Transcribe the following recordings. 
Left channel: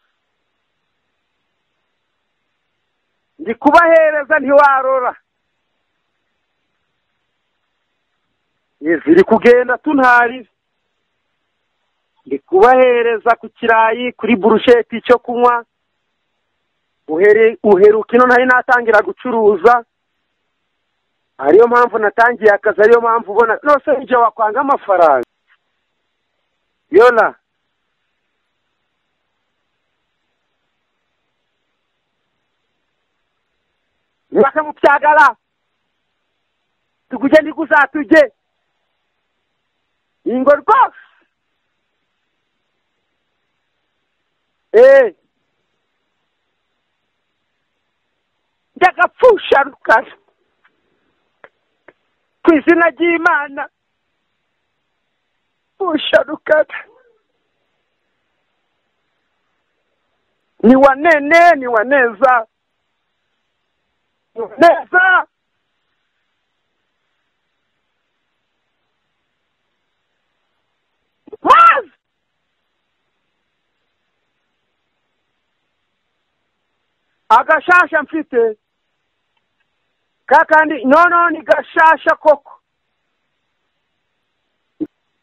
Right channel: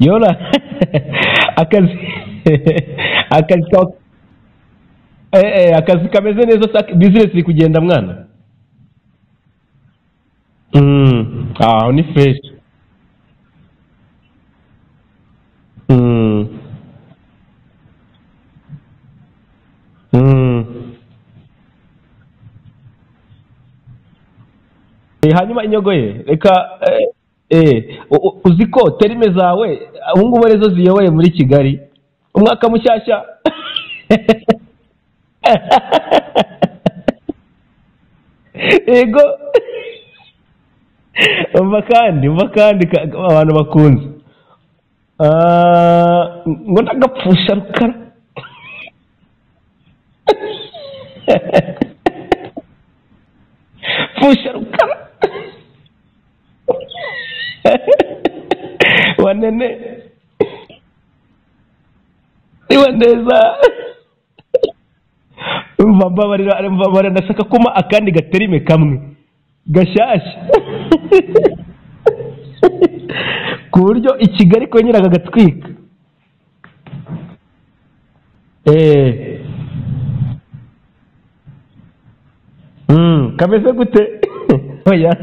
Yola akazi kubahereza ntiwarora. Akazi kameze neza, business iri kugenda mwana. Ziri kugenda tuntari. Ni fresh. Kubahereza ku kirayi kuri brusheti icyo kunywa. Uheruka ino ntari natangira gucuruza. Ariyo mpamvu natangiye akazi, ariyo mpamvu ubona nose nje wakwanga amafaranga. Hanyuma inyogoye reka Yola. Uziko terime zawe ubu ngubu arizo ziyoboye muri Kigali umwaka mushyashya. Waje mu byagara. Tuguje ndiguzatuje. Yego. Ingo rwose. Umva kandi abantu bakunze. Ngo ndagapfusha rukara. Ndagapfusha rukara. Kwizina ry'Imana. Pfusha rukara. Pfusha rukara. Wanene. Ni wanene, ni waneza. Ni waneza. Neza. Mbabarira ndashaka kuma akandi gaterime kamwe. Gashyashya. Ku buryo i Kigali kongera kagatwika. Agashasha mfite. Kakandi ni gashasha koko. Kameze gute? Oya.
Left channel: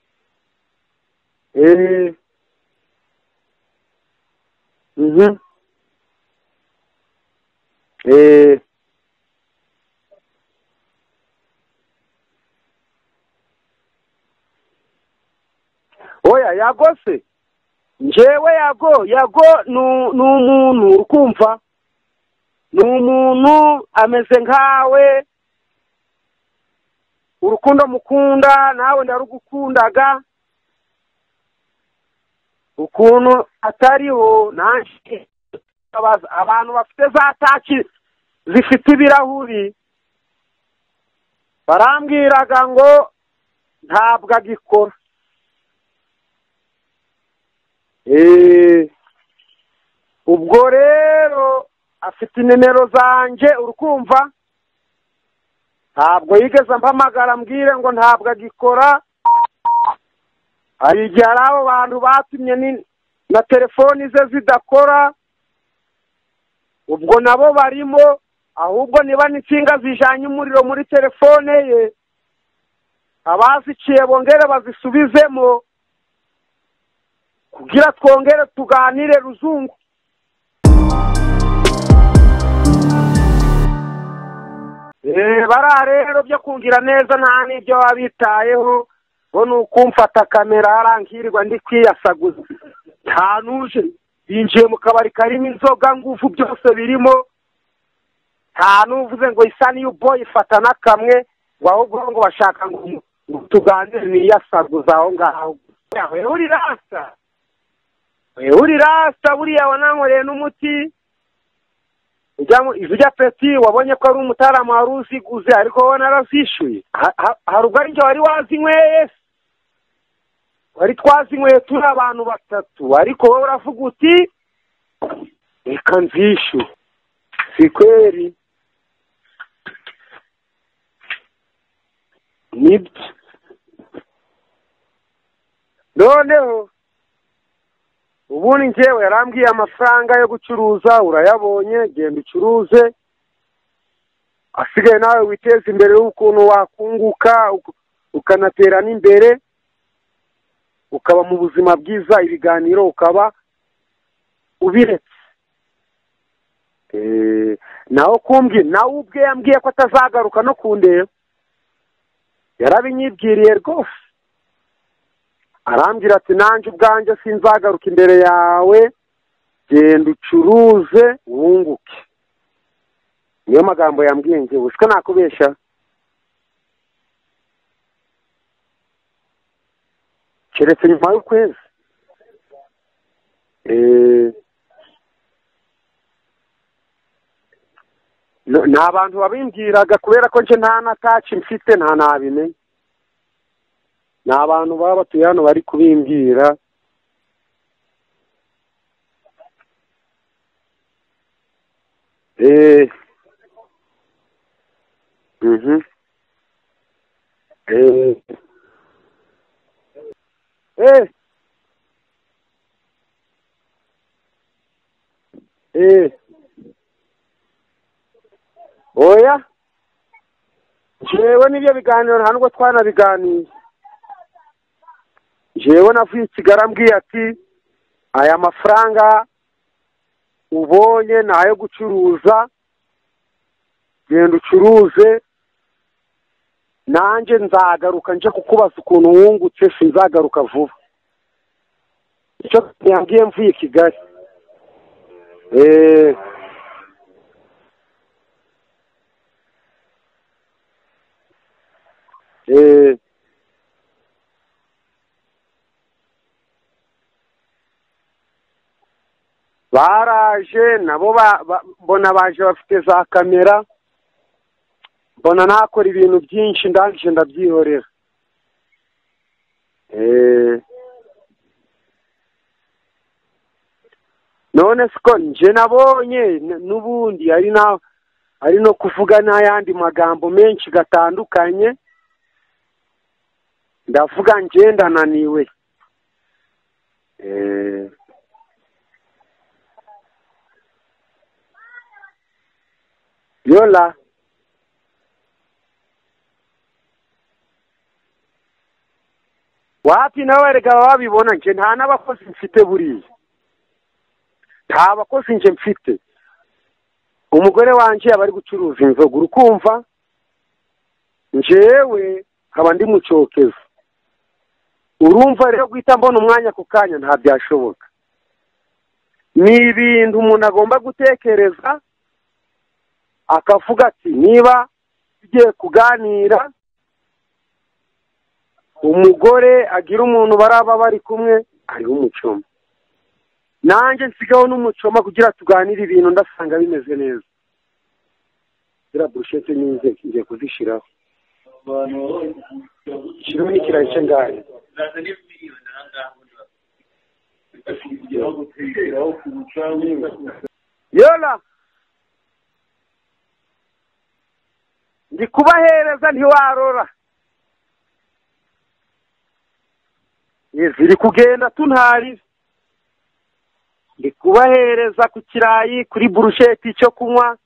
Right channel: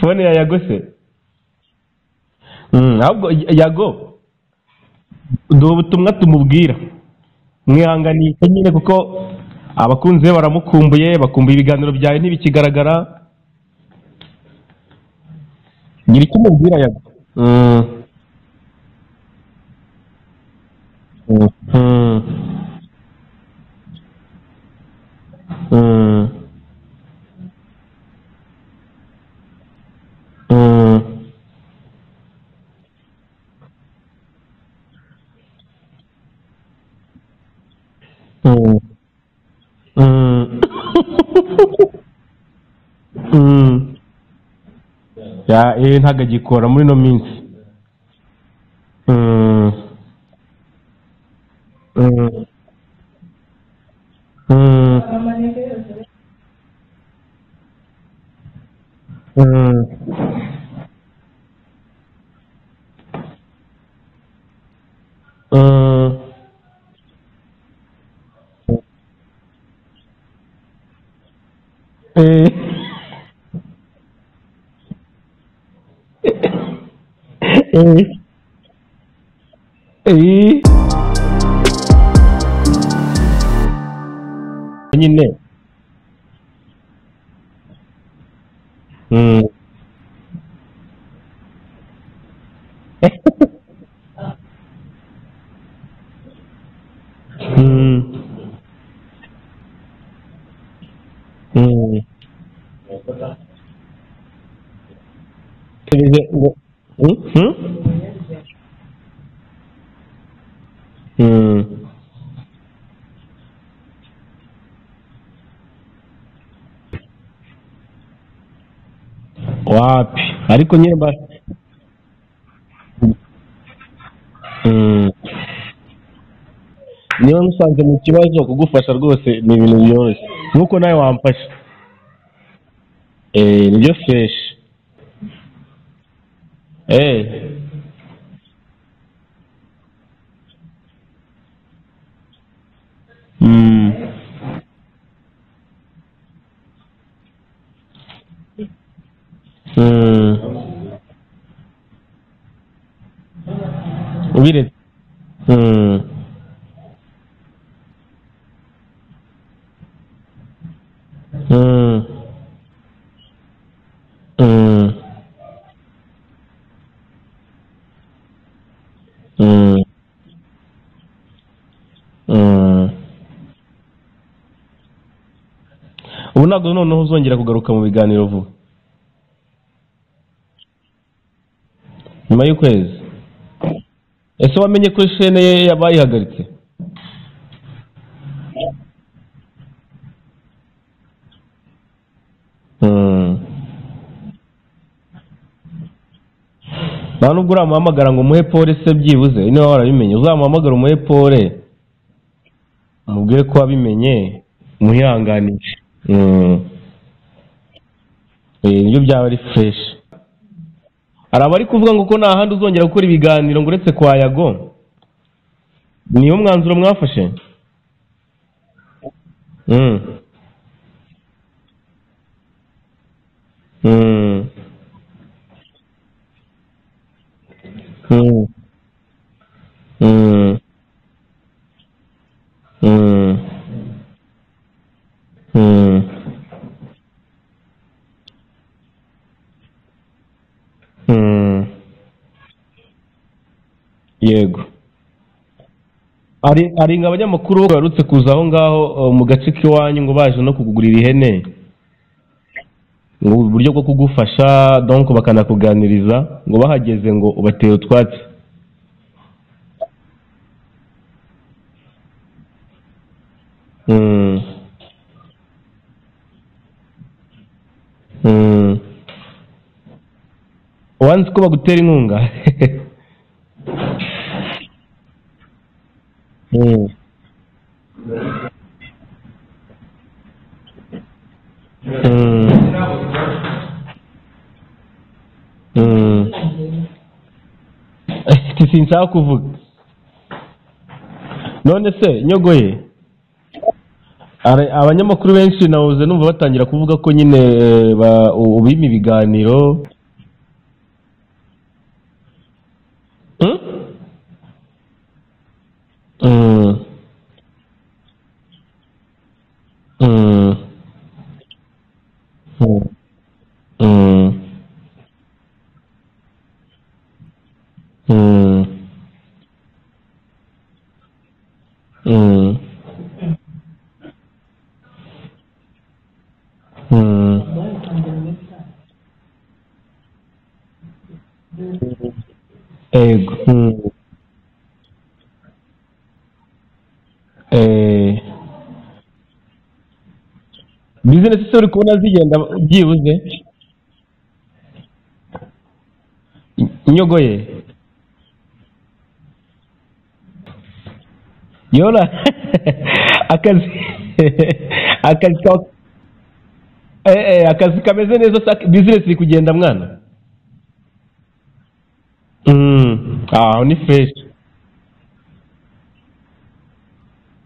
Phone ya Yago se? Ahubwo Yago. Ndo ubutumwa tumubwira. Mwihanganye nyine kuko abakunzi be baramukumbuye, bakumbuye ibiganiro byawe ntibikigaragara. Oya Yago se? Njewe Yago ni umuntu urukumva. Ni umuntu ameze nkawe. Urukundo mukunda nawe ndarugukundaga. Ukuntu atariho nanshi abantu bafite za taki zifite ibirahuri. Barambwiraga ngo ntabwo agikora. Ntabwo agikora muri no minsi. Ubwo rero afite nimero zanje urukumva. Ntabwo yigeze mpamagara mbwire ngo ntabwo agikora. Hari igihe hari abo bantu batumye na telefoni ze zidakora. Ubwo nabo barimo, ahubwo niba n'insinga zijanye umuriro muri telefone ye, abaziciye bongere bazisubizemo. Kira twongere tuganire ruzungu. Bara rero byo kungira neza nta n'ibyo wabitayeho. Ngo nukumfata kamera arangirirwa ndi kwiyasaguza. Ntanuje yinjiye mu kabari karimo inzoga ngufu byose birimo. Nta nuvuze ngo isa niyo boy ifata nakamwe. Ahubwo ngo bashaka ngo tuganire niyasaguza aho ngaho. Uri rasta buriya wanankoreye n'umuti. Ijya peti wabonye ko ari umutaramu wari uziguze ariko wowe narazishyuye. Hari ubwo ari njye wari wazinyweye. Wapi ariko wazinyweye turi abantu batatu ariko wowe uravuga uti reka nzishyure. Niyo nsanzwe mu kibazo kugufasha rwose ni ibintu byoroshye nkuko nawe wamfasha. Nibyo fresh. Noneho ubundi njyewe yarambwiye amafaranga yo gucuruza urayabonye, genda ucuruze. Asigaye nawe witeze imbere y'ukuntu wakunguka ukanatera n'imbere. Ukaba mu buzima bwiza, ibiganiro ukaba ubiretse. Naho kumbye nawe ubwe yambwiye ko atazagaruka no kundeba. Yarabinyibwiriye rwose. Arambwira ati nanjye ubwanjye sinzagaruka imbere yawe. Genda ucuruze wunguke. Niyo magambo yambwiye njye usiko nakubesha. Ubu ntabwo noneho uzongera kugaruka mu biganiro vuba. Keretse nyuma y'ukwezi. Nyuma y'ukwezi? Ese wamenye ko chaîne ye yabayihagaritse? Nta bantu babimbwiraga kubera ko nje nta nataki mfite nta nabimenye. Nta bantu baba batuye hano bari kubimbwira. Nta nubwo uramuhamagara ngo umuhe pole se byibuze niba warabimenye uzamuhamagara umuhe pole. Mubwire ko wabimenye muhihanganishe. Nibyo byaba ari fresh. hari abari kuvuga ngo ko nta handi uzongera gukora ibiganiro ngo uretse kwa Yago. Niyo mwanzuro mwafashe? Oya. Jewe n'ibyo biganiro nta nubwo twanabiganiye. Jewe navuye Kigali ambwiye ati aya mafaranga ubonye nayo gucuruza, genda ucuruze, nanjye nzagaruka nje kukubaza ukuntu wungutse, sinzagaruka vuba. Icyo yambwiye mvuye Kigali. Yego. Ari abanyamakuru barutse kuza aho ngaho mu gace k'iwanyu ngo baje no kugugurira ihene. Ngo uburyo bwo kugufasha donc bakanakuganiriza ngo bahageze ngo ubateye utwatsi. Baraje nabo mbona baje bafite za kamera. Mbona nakora ibintu byinshi ndangije ndabyihorera. Wanzi ko bagutera inkunga? None siko nje nabonye n'ubundi ari no kuvuga n'ayandi magambo menshi gatandukanye. Ndavuga nje ndananiwe. Sinshaka kuvuga. None se Nyogoye? Yola. Abanyamakuru benshi nawuze numva batangira kuvuga ko nyine ubima ibiganiro. Wapi nawe rega babibona nje nta n'abakozi mfite buriya. Nta bakozi nje mfite. Umugore wanje abari gucuruza inzoga urukumva. Njewe nkaba ndi mucokeza. Urumva rero guhita mbona umwanya ku kanya nta byashoboka. Ni ibintu umuntu agomba gutekereza, akavuga ati niba tugiye kuganira, umugore agira umuntu baraba bari kumwe ari umucoma. Nanjye nsigaho n'umucoma kugira tuganire ibintu ndasanga bimeze neza. Gira brushete nize ngiye kuzishiraho. Business uri kubona zigenda byibuze? Shiro ni kiraje ngahe. Nyogoye. Yola. Akazi kubahereza ntiwarora. Akazi kameze neza, business iri kugenda mwana? Iri kugenda tuntari. Ni fresh. Kubahereza ku kirayi kuri brushete cyo kunywa.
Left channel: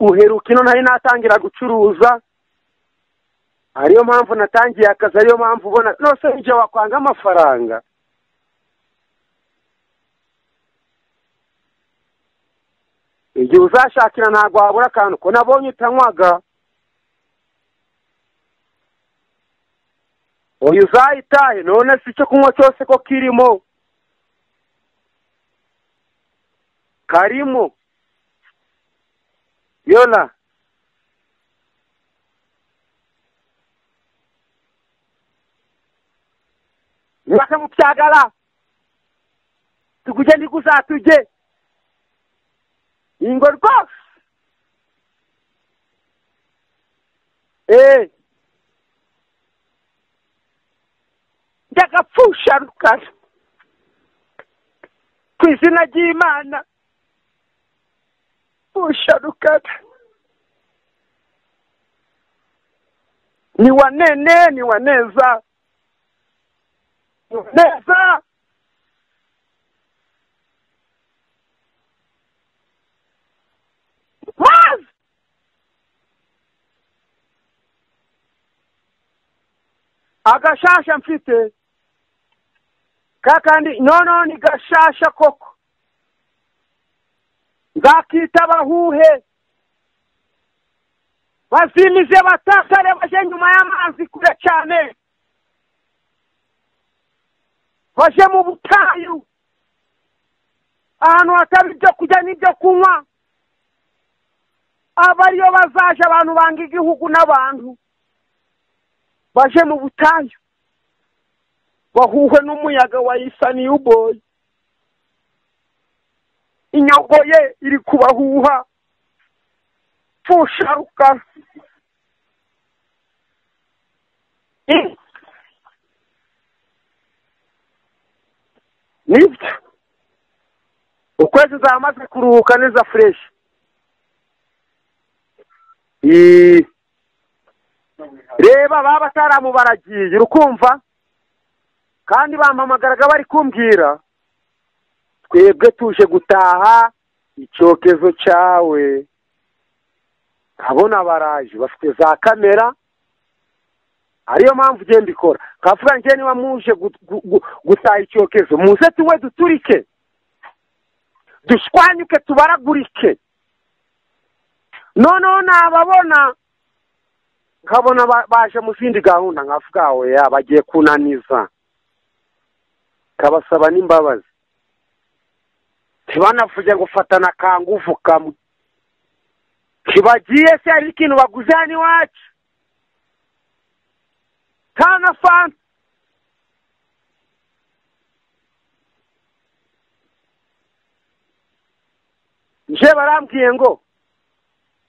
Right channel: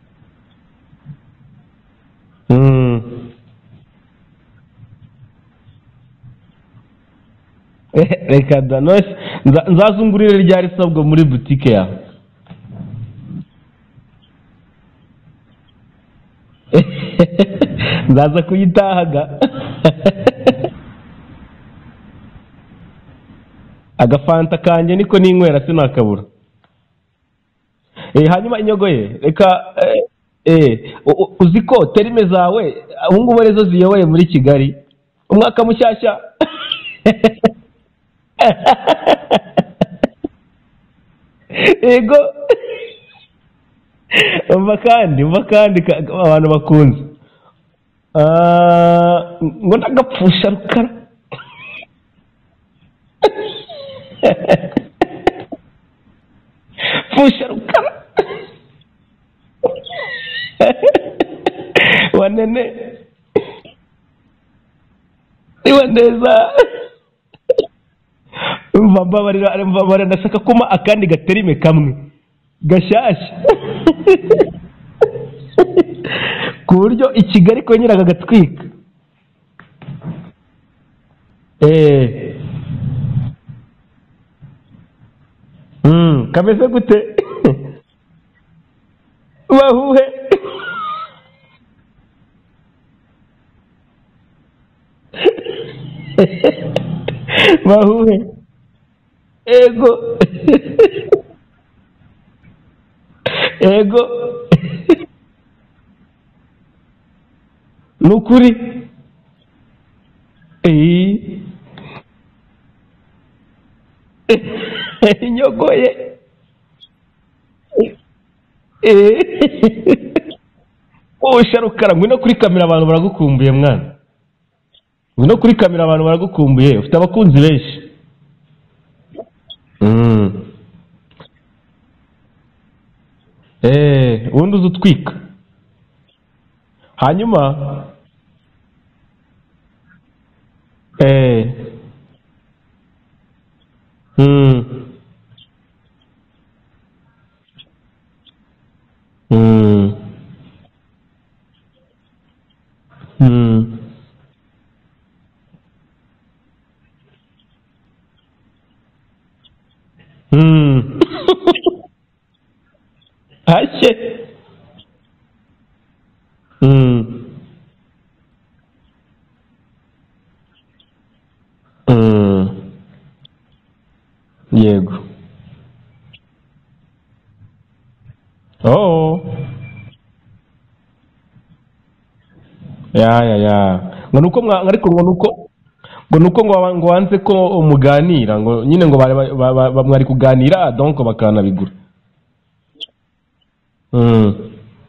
Uheruka ino ntari natangira gucuruza. Ariyo mpamvu natangiye akazi, ariyo mpamvu ubona nose nje wakwanga amafaranga. Reka da nose nzazungurire ryari sabwo muri boutique ya. Igihe uzashakira ntago wabura akantu ko nabonye utanywaga. Nzaza kuyitahaga. Oya uzayitahe none si cyo kunywa cyose ko kirimo. Agafanta kanje niko ninywera sinakabura. Karimo. Hanyuma Inyogoye reka Yola. Uziko terime zawe ubungubu rezo ziyoboye muri Kigali umwaka mushyashya. Baje mu byagara. Tuguje ndikuzatuje. Yego. Ingo rwose. Umva kandi abantu bakunze. Ngo ndagapfusha rukara. Ndagapfusha rukara. Kwizina ry'Imana. Pfusha rukara. Wanene. Ni waneza. Mbabarira ndashaka kuma akandi gaterime kamwe. Gashasha. Ku buryo i Kigali ko nyiraga gatwika. Agashasha mfite. Kakandi ni gashasha koko. Kameze gute? Gakita bahuhe. Bazimize batakare baje nyuma y'amazi kure cyane. Baje mu butayu. Ego. Ahantu hatari byo kujya n'ibyo kunywa. Ego. Abariyo bazaje abantu banga igihugu n'abantu. Nukuri. Baje mu butayu. Bahuhe n'umuyaga wa Isani uboy. Inyogoye iri kubahuha. Pfusha rukara ngwino kuri kamera abantu baragukumbuye mwana. Ngwino kuri kamera abantu baragukumbuye ufite abakunzi benshi. Nibyo. Ukwezi zamaze kuruhuka neza fresh. Ubundi uzutwika. Hanyuma reba baba taramu baragiye urukumva. kandi bampamagaraga bari kumbwira twebwe tuje gutaha icyokezo cyawe. nkabona baraje bafite za kamera, ariyo mpamvu ugenda ikora kavuga njye niba muje gutaha icyokezo muze tuwe duturike dushwanyuke tubaragurike. noneho nababona nkabona baje mu zindi gahunda nkavuga we bagiye kunaniza, kabasaba n'imbabazi. Yego. Ntibanavuge ngo fatana kanguvu kamwe. Kibagiye se ari ikintu baguze hano iwacu. Ngo nuko ngo wanze ko muganira ngo nyine ngo mwari kuganira donc bakanabigura. Nje barambwiye ngo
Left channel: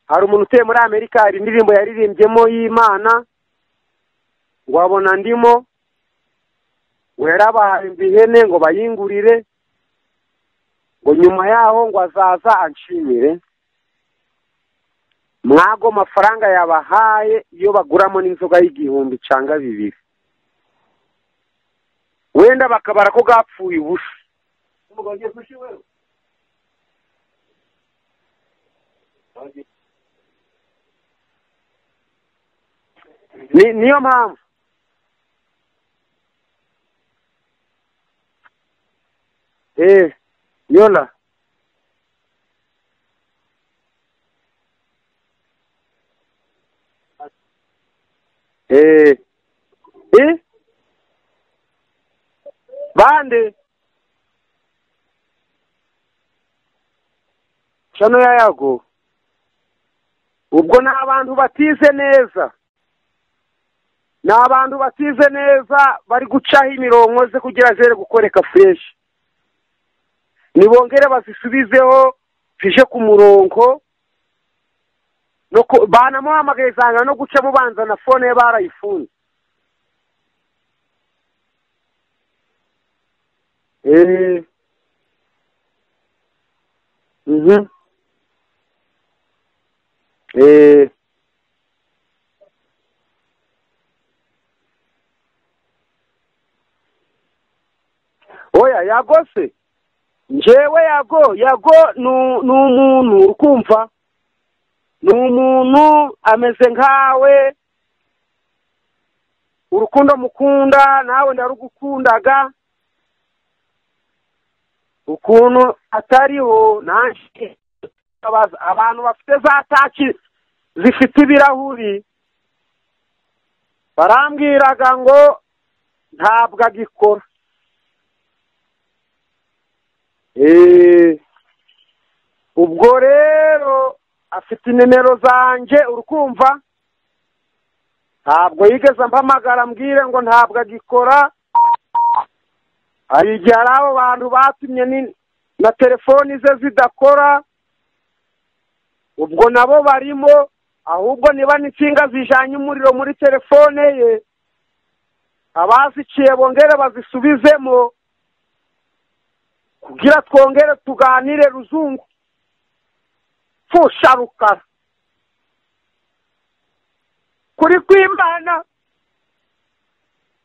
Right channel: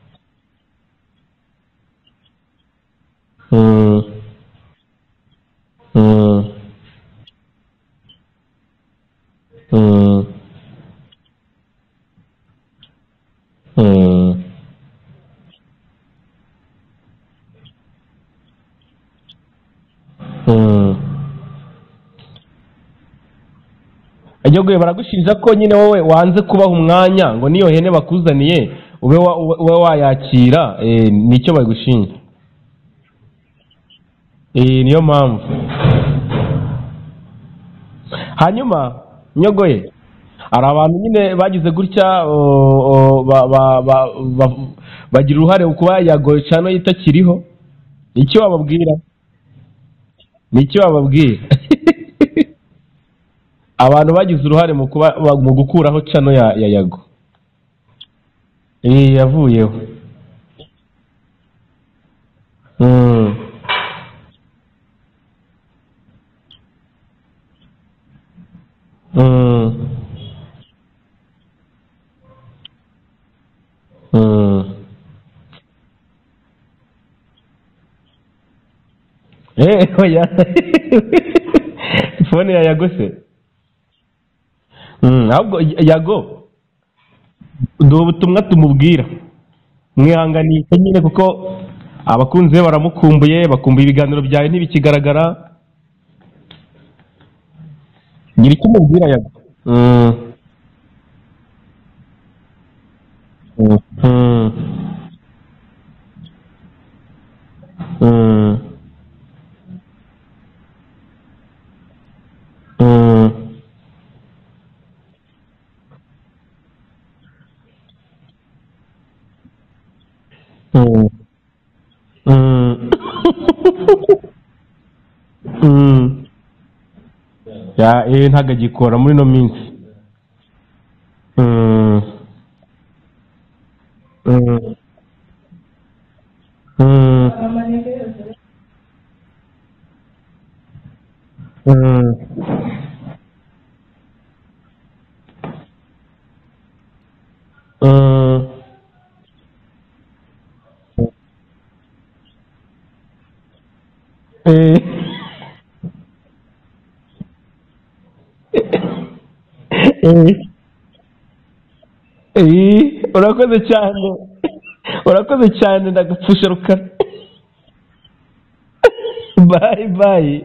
hari umuntu utuye muri Amerika, hari indirimbo yaririmbyemo y'Imana, ngo abona ndimo, ngo yarabahaye ihene ngo bayingurire, ngo nyuma yaho ngo azaza anshimire. Mwago mafaranga yabahaye iyo baguramo n'inzoga y'igihumbi cyangwa 2. Wenda bakabara ko gapfuye ubusa. Agiye baragushinja ko nyine wowe wanze kubaha umwanya ngo niyo hene bakuzaniye ube wayakira, nicyo bagushinja. Niyo mpamvu. Niyo mpamvu. Hanyuma Nyogoye, hari abantu nyine bagize gutya bagira uruhare kuba Yago Chano itakiriho. Icyo wababwira? Nicyo wababwira? Bande abantu bagize uruhare mu gukuraho Chano ya Yago. Chano ya Yago yavuyeho. Ubwo na abantu batize neza. Na abantu batize neza bari gucaho imirongo ze kugira zere gukoreka fresh. Nibongere bazisubizeho fije ku murongo. Nuko banamuhamagaye zanga no guca mubanza na phone ye barayifunze. Oya. Phone ya Yago se? Ahubwo Yago. Ndo ubutumwa tumubwira. Mwihanganye nyine kuko abakunze baramukumbuye, bakumbuye ibiganiro byawe ntibikigaragara. Oya Yago se? Njewe Yago n'umuntu ukumva. N'umuntu ameze nkawe. Urukundo mukunda nawe ndarugukundaga. Ukuntu atariho nanshi abantu bafite za taki zifite ibirahuri barambwiraga ngo ntabwo agikora. Ntabwo agikora muri no minsi. Ubwo rero afite nimero zanje urukumva. Ntabwo yigeze mpamagara mbwire ngo ntabwo agikora. Hari igihe abo bantu batumye na telefoni ze zidakora. Ubwo nabo barimo, ahubwo niba n'insinga zijanye umuriro muri telefone ye abaziciye bongere bazisubizemo kugira twongere tuganire ruzungu. Urakoze cyane. Urakoze cyane ndagupfusha Rukara. Kuri kwimana. Bye.